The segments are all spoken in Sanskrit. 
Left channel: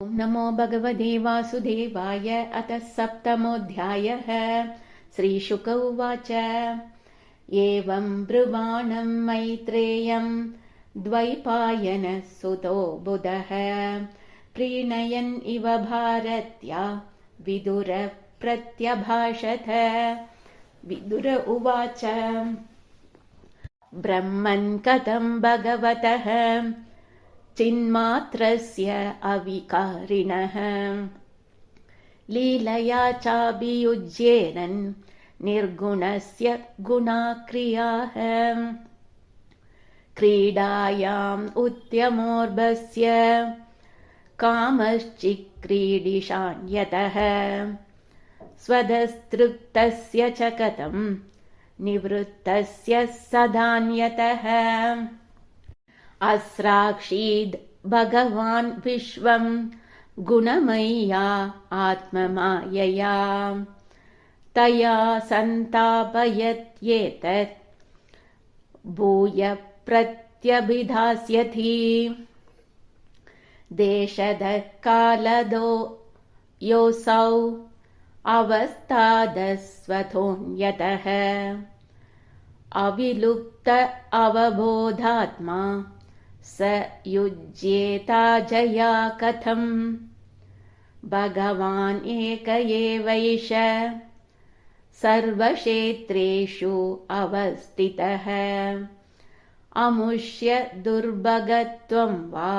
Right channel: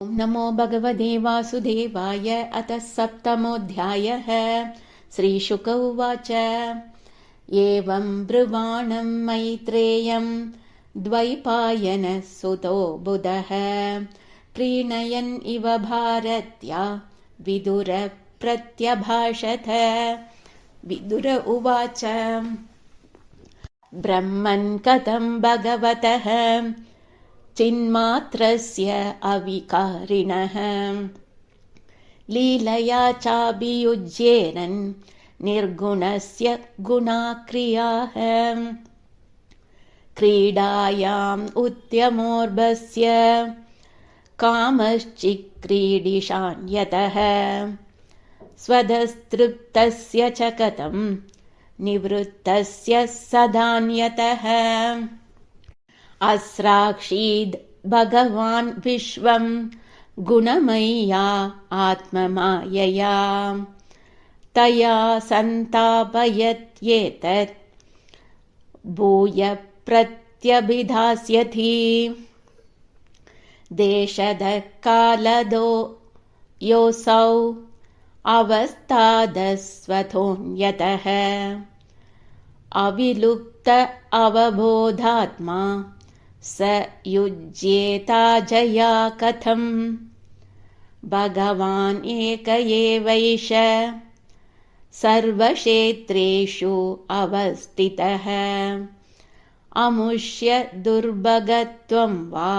ॐ नमो भगवते वासुदेवाय। अतः सप्तमोऽध्यायः। श्रीशुक उवाच। एवं ब्रुवाणं मैत्रेयं द्वैपायनः सुतो बुधः प्रीणयन् इव भारत्या विदुर प्रत्यभाषत। विदुर उवाच। ब्रह्मन् कथं भगवतः चिन्मात्रस्य अविकारिणः लीलया चाभियुज्येरन् निर्गुणस्य गुणाक्रियाः क्रीडायाम् उत्तमोर्भस्य कामश्चिक्रीडिशान्यतः स्वदस्तृप्तस्य च कथं निवृत्तस्य सदान्यतः अस्राक्षीद् भगवान् विश्वं गुणमय्या आत्ममायया तया सन्तापयत्येतत् भूय प्रत्यभिधास्यति। देशदः कालदो योऽसौ अवस्थादस्वतोऽन्यतः अविलुप्त अवबोधात्मा स युज्येता जया कथम्। भगवान् एक एवैष सर्वक्षेत्रेषु अवस्थितः अमुष्य दुर्भगत्वं वा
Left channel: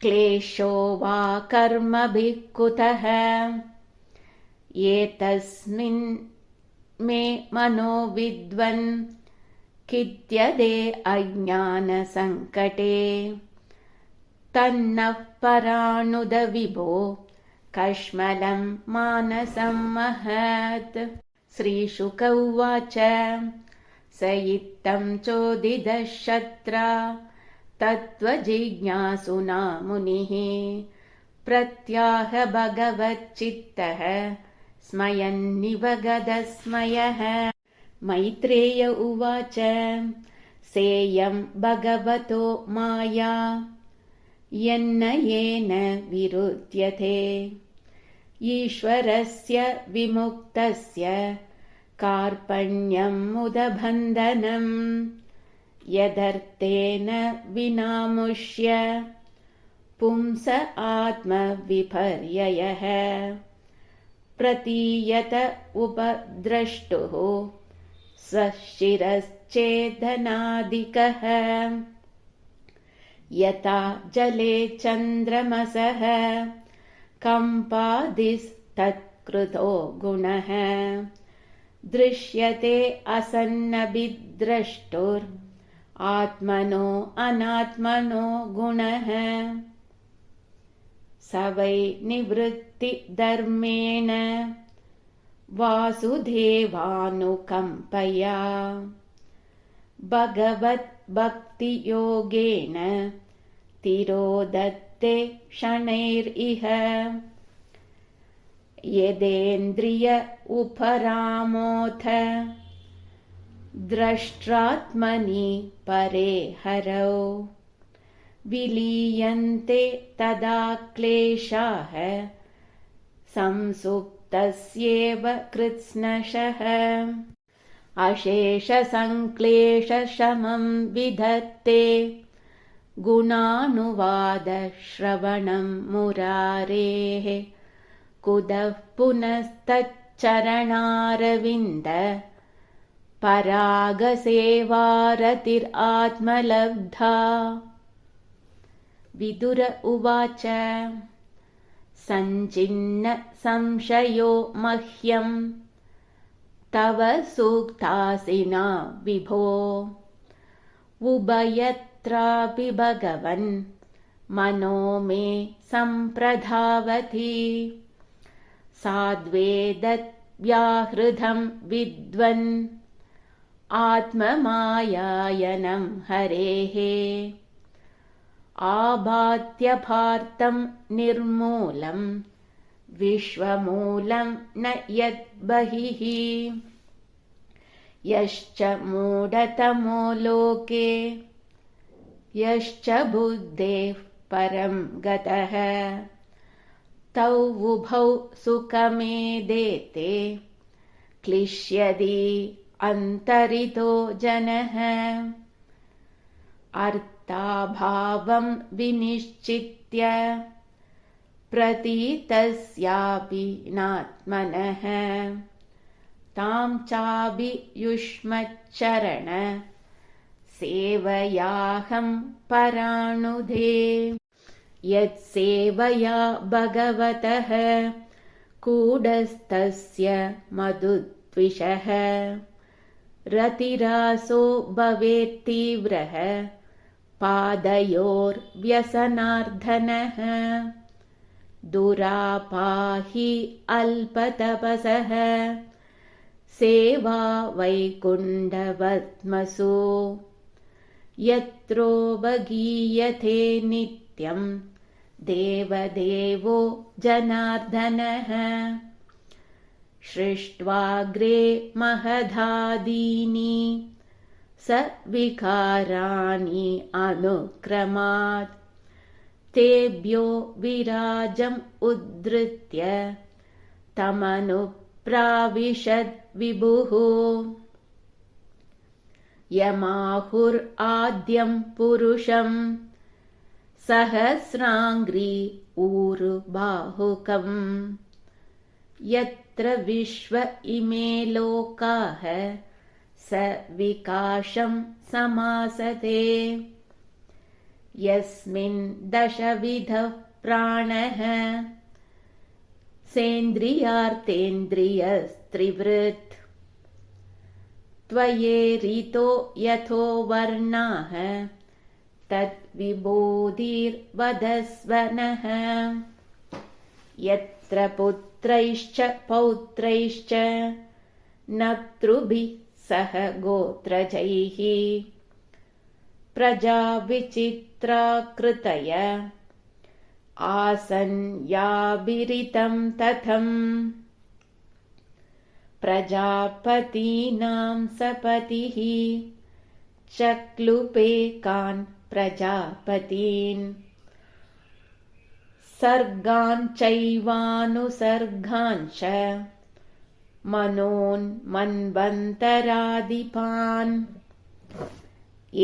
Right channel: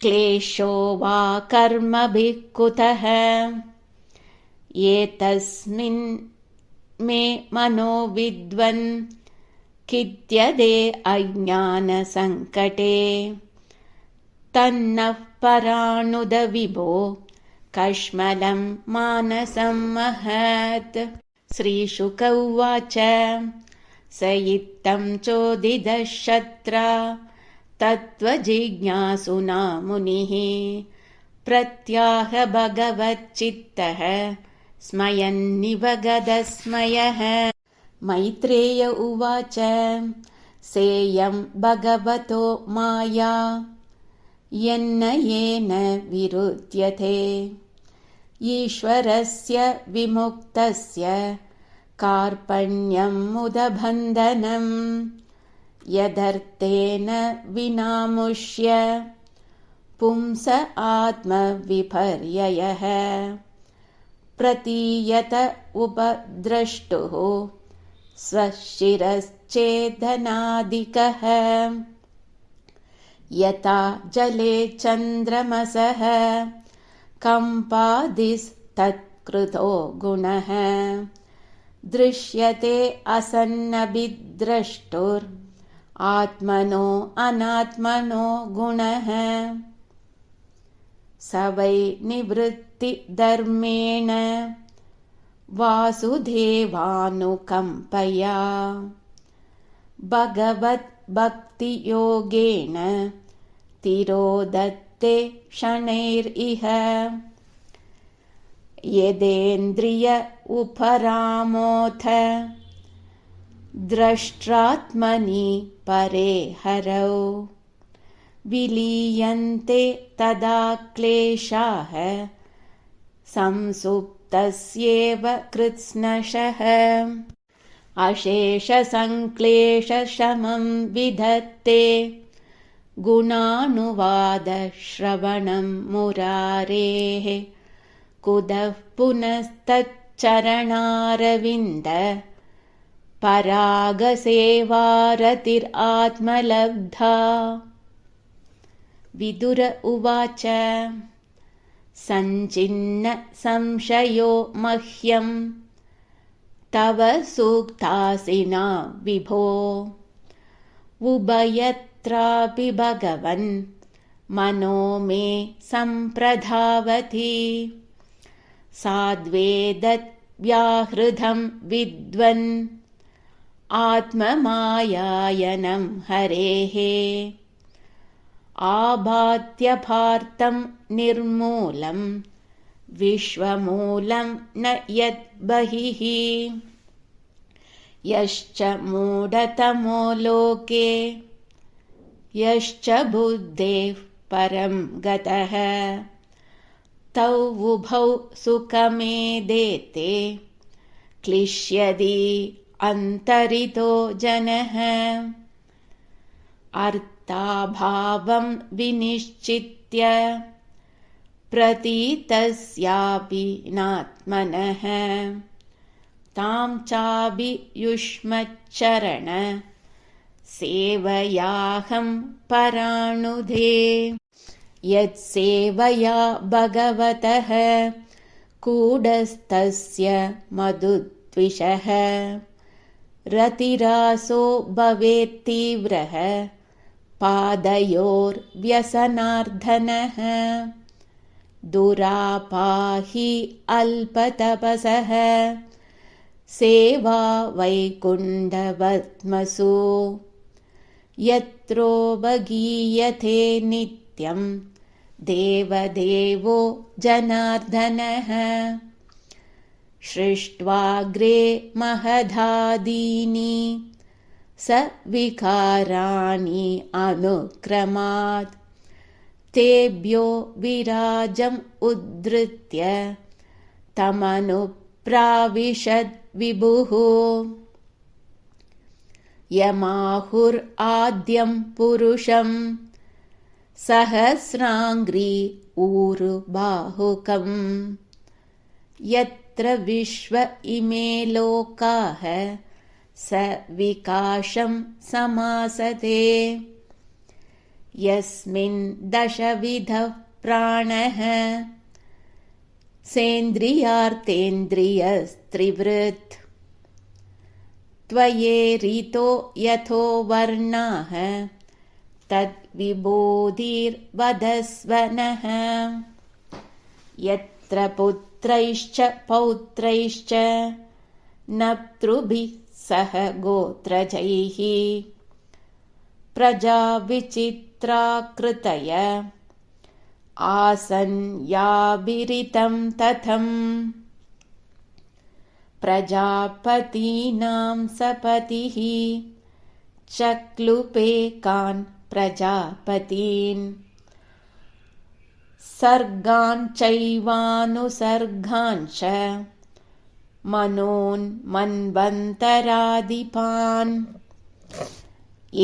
क्लेशो वा कर्मभिः कुतः। एतस्मिन् मे मनो विद्वन् खिद्यते अज्ञानसङ्कटे तन्नः परानुद विभो कश्मलं मानसं महत्। श्रीशुक उवाच। स इत्थं चोदितः शत्रा तत्त्वजिज्ञासुना मुनिः प्रत्याह भगवच्चित्तः स्मयन्निवगदस्मयः। मैत्रेय उवाच। सेयं भगवतो माया यन्न येन विरुध्यते ईश्वरस्य विमुक्तस्य कार्पण्यं मुदबन्धनं यदर्थेन विनामुष्य पुंस आत्मविपर्ययः प्रतीयत उपद्रष्टुः स्वशिरश्चेदनादिकः यथा जले चन्द्रमसः कम्पादिस्तत्कृतो गुणः दृश्यते असन्नभिद्रष्टुरात्मनो अनात्मनो गुणः। स वै निवृत्तिधर्मेण वासुदेवानुकम्पया भगवद्भक्तियोगेन तिरोदत्ते शनैरिह यदेन्द्रिय उपरामोऽथ द्रष्ट्रात्मनि परे हरौ विलीयन्ते तदा क्लेशाः संसुप्तस्येव कृत्स्नशः अशेषसङ्क्लेशशमं विधत्ते गुणानुवादश्रवणं मुरारेः कुतः पुनस्तच्चरणारविन्द परागसेवारतिरात्मलब्धा। विदुर उवाच। सञ्चिन्न संशयो मह्यं तव सूक्तासिना विभो उभयत्रापि भगवन् मनो मे सम्प्रधावति साद्वेदव्याहृतं विद्वन् आत्ममायायनं हरेः आभात्यपार्थं निर्मूलं विश्वमूलं न यद्बहिः यश्च मूढतमो लोके यश्च बुद्धेः परं गतः तौ उभौ सुखमेदेते क्लिश्यति अन्तरितो जनः अर्थाभावं विनिश्चित्य प्रतीतस्यापि नात्मनः तां चाभियुष्मच्चरण सेवयाहं पराणुधे यत्सेवया भगवतः कूटस्थस्य मधुद्विषः रतिरासो भवेत्तीव्रः पादयोर्व्यसनार्दनः दुरापाहि अल्पतपसः सेवा वैकुण्ठपद्मसु यत्रोपगीयते नित्यं देवदेवो जनार्दनः सृष्ट्वाग्रे महदादीनि स विकाराणि अनुक्रमात् तेभ्यो विराजम् उद्धृत्य तमनुप्राविशद् विभुः यमाहुराद्यं पुरुषं सहस्राङ्घ्रि ऊरुबाहुकम् यत्र विश्व इमे लोकाः स विकाशं समासते यस्मिन् दशविधः प्राणः सेन्द्रियार्थेन्द्रियस्त्रिवृत् त्वयेरितो यथो वर्णाः तद्विबोधिर्वदस्व नः यत्र पुत्रैश्च पौत्रैश्च नप्तृभिः सह गोत्रजैः प्रजाविचित्राकृतय आसन् याभिरितं तथम् प्रजापतीनां सपतिः चक्लुपेकान् प्रजापतीन् सर्गान् चैवानुसर्गांश्च मनोन्मन्वन्तरादिपान्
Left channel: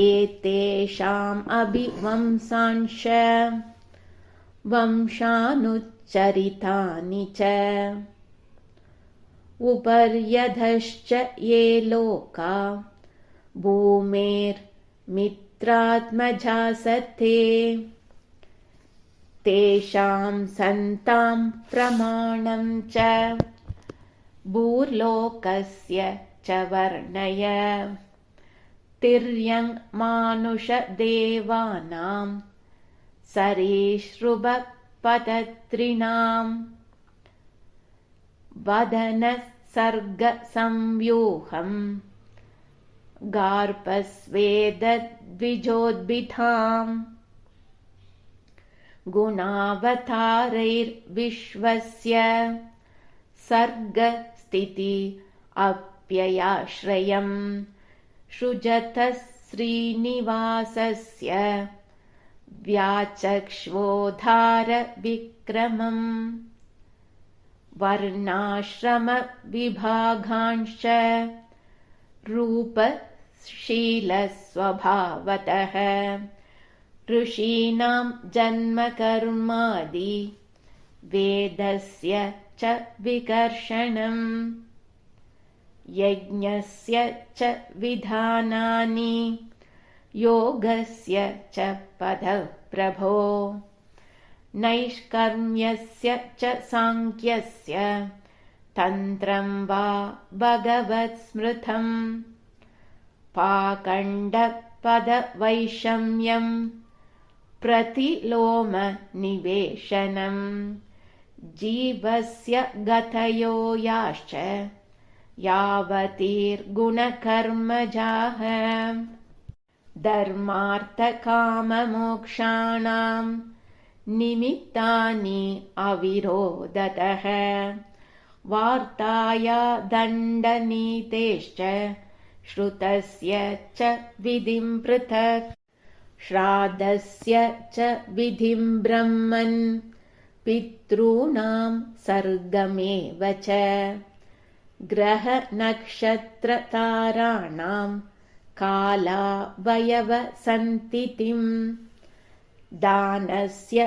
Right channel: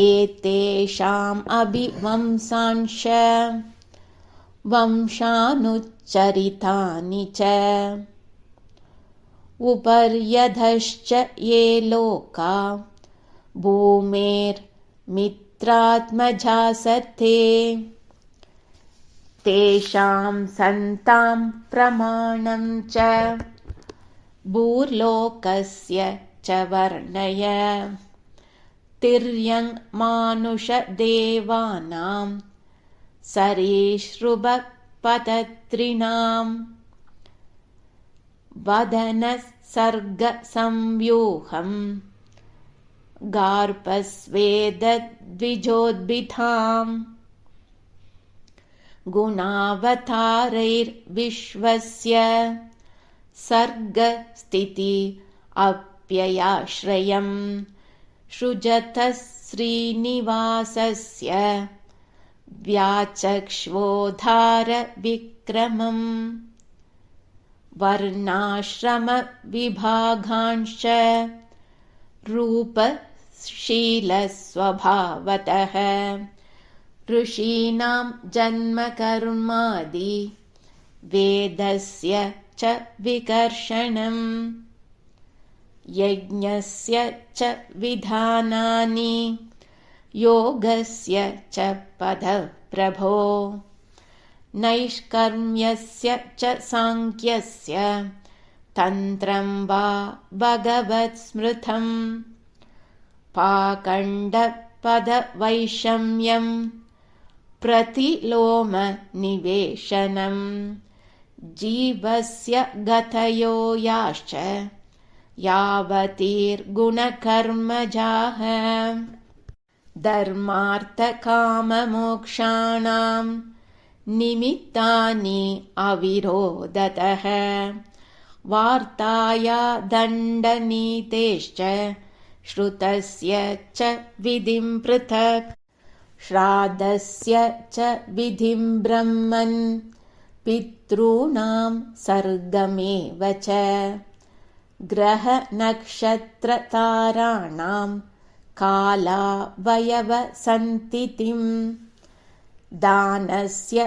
एतेषाम् अभिवंशांश्च वंशानुच्चरितानि च उपर्यधश्च ये लोका भूमेर्मित्रात्मजासते तेषां सन्तां प्रमाणं च भूर्लोकस्य च वर्णय तिर्यङ्मानुषदेवानां सरीसृपपतत्रिणां वदनसर्गसंव्यूहं गार्पस्वेदद्विजोद्भिधाम् गुणावतारैर्विश्वस्य सर्गस्थिति अप्ययाश्रयम् सृजतः श्रीनिवासस्य व्याचक्ष्वोद्धारविक्रमम् वर्णाश्रमविभागांश्च रूपशीलस्वभावतः ऋषीणां जन्मकर्मादि वेदस्य च विकर्षणम् यज्ञस्य च विधानानि योगस्य च पदप्रभो नैष्कर्म्यस्य च साङ्ख्यस्य तन्त्रं वा भगवत्स्मृतम् पाखण्डपदवैषम्यं प्रतिलोमनिवेशनम् जीवस्य गतयो याश्च यावतीर्गुणकर्मजाः धर्मार्थकाममोक्षाणां निमित्तानि अविरोधतः वार्ताया दण्डनीतेश्च श्रुतस्य च विधिं पृथक् श्राद्धस्य च विधिं ब्रह्मन् पितॄणां सर्गमेव च ग्रहनक्षत्रताराणां कालावयवसन्तितिं दानस्य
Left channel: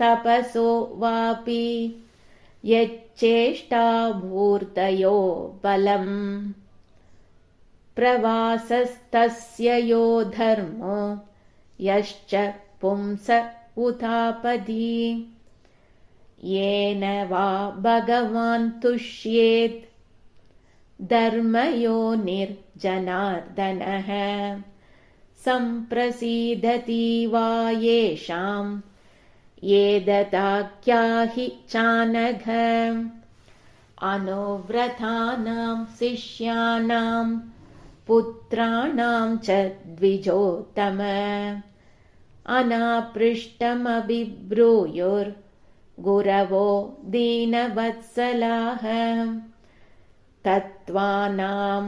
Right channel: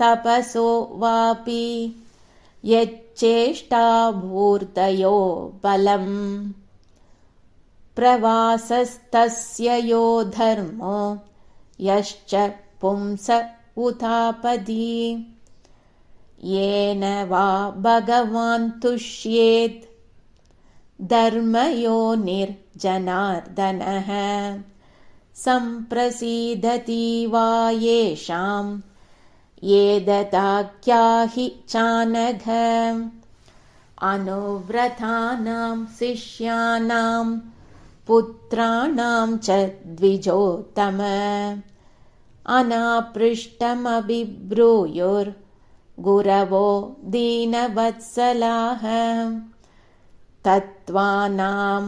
तपसो वापि यच्चेष्टाभूर्तयो बलम् प्रवासस्तस्य यो धर्मो यश्च पुंस उतापदी येन वा भगवान् तुष्येत् धर्मयोनिर्जनार्दनः सम्प्रसीदति वा येषां ये ददाख्याहि चानघ अनुव्रतानां शिष्याणां पुत्राणां च द्विजोत्तम अनापृष्टमभिब्रूयुर्गुरवो दीनवत्सलाः तत्त्वानां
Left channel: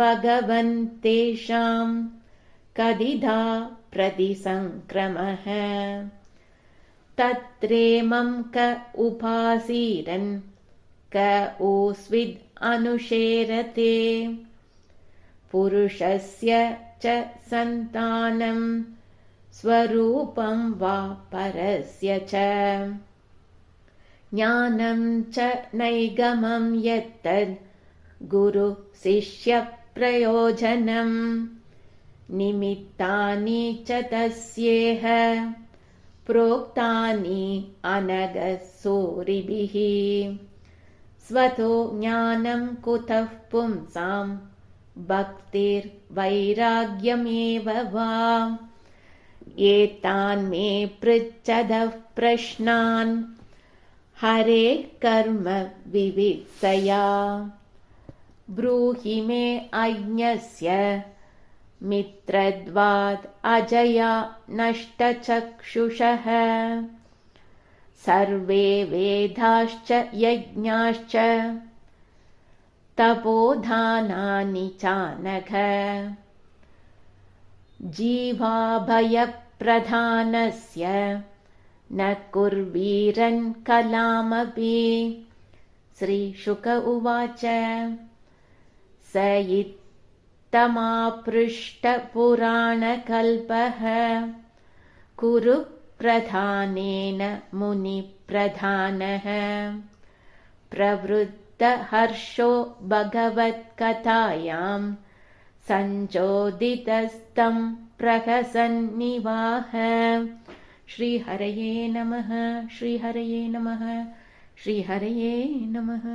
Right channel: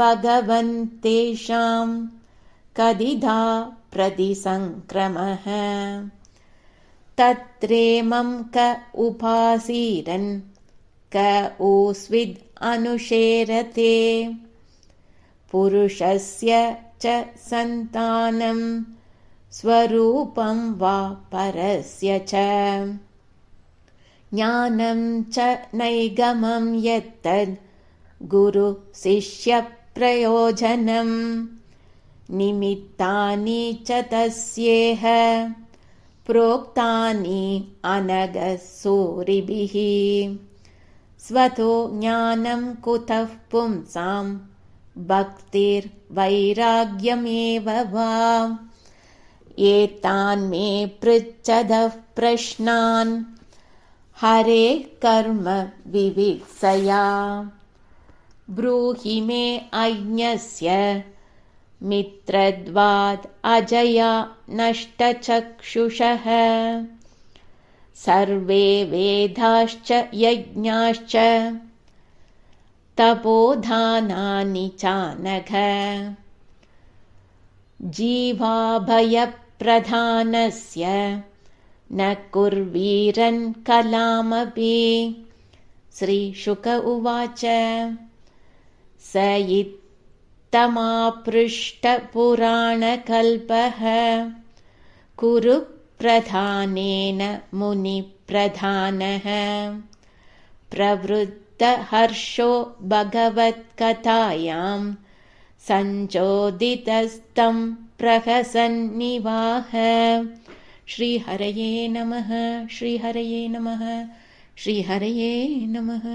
भगवन्तेषां कदिधा प्रतिसङ्क्रमः तत्रेमं क उपासीरन् क ऊस्विद् अनुशेरते पुरुषस्य च सन्तानं स्वरूपं वा परस्य च ज्ञानं च नैगमं यत्तद् गुरुशिष्यप्रयोजनं निमित्तानि च तस्येह प्रोक्तानि अनघसूरिभिः स्वतो ज्ञानं कुतः पुंसां भक्तिर्वैराग्यमेव वा एतान् मे पृच्छतः प्रश्नान् हरेः कर्म विविक्सया ब्रूहि मे अज्ञस्य मित्रद्वाद् अजया नष्टचक्षुषः सर्वे वेदाश्च यज्ञाश्च तपोधानानि चानघ जीवाभयप्रधानस्य न कुर्वीरन् कलामपि श्रीशुक उवाच स इत्थमापृष्टपुराणकल्पः कुरु प्रधानेन मुनिप्रधानः प्रवृत्तहर्षो भगवत्कथायां सञ्चोदितस्तं प्रहसन्निवाह श्रीहरये नमः श्रीहरये नमः श्रीहरये नमः।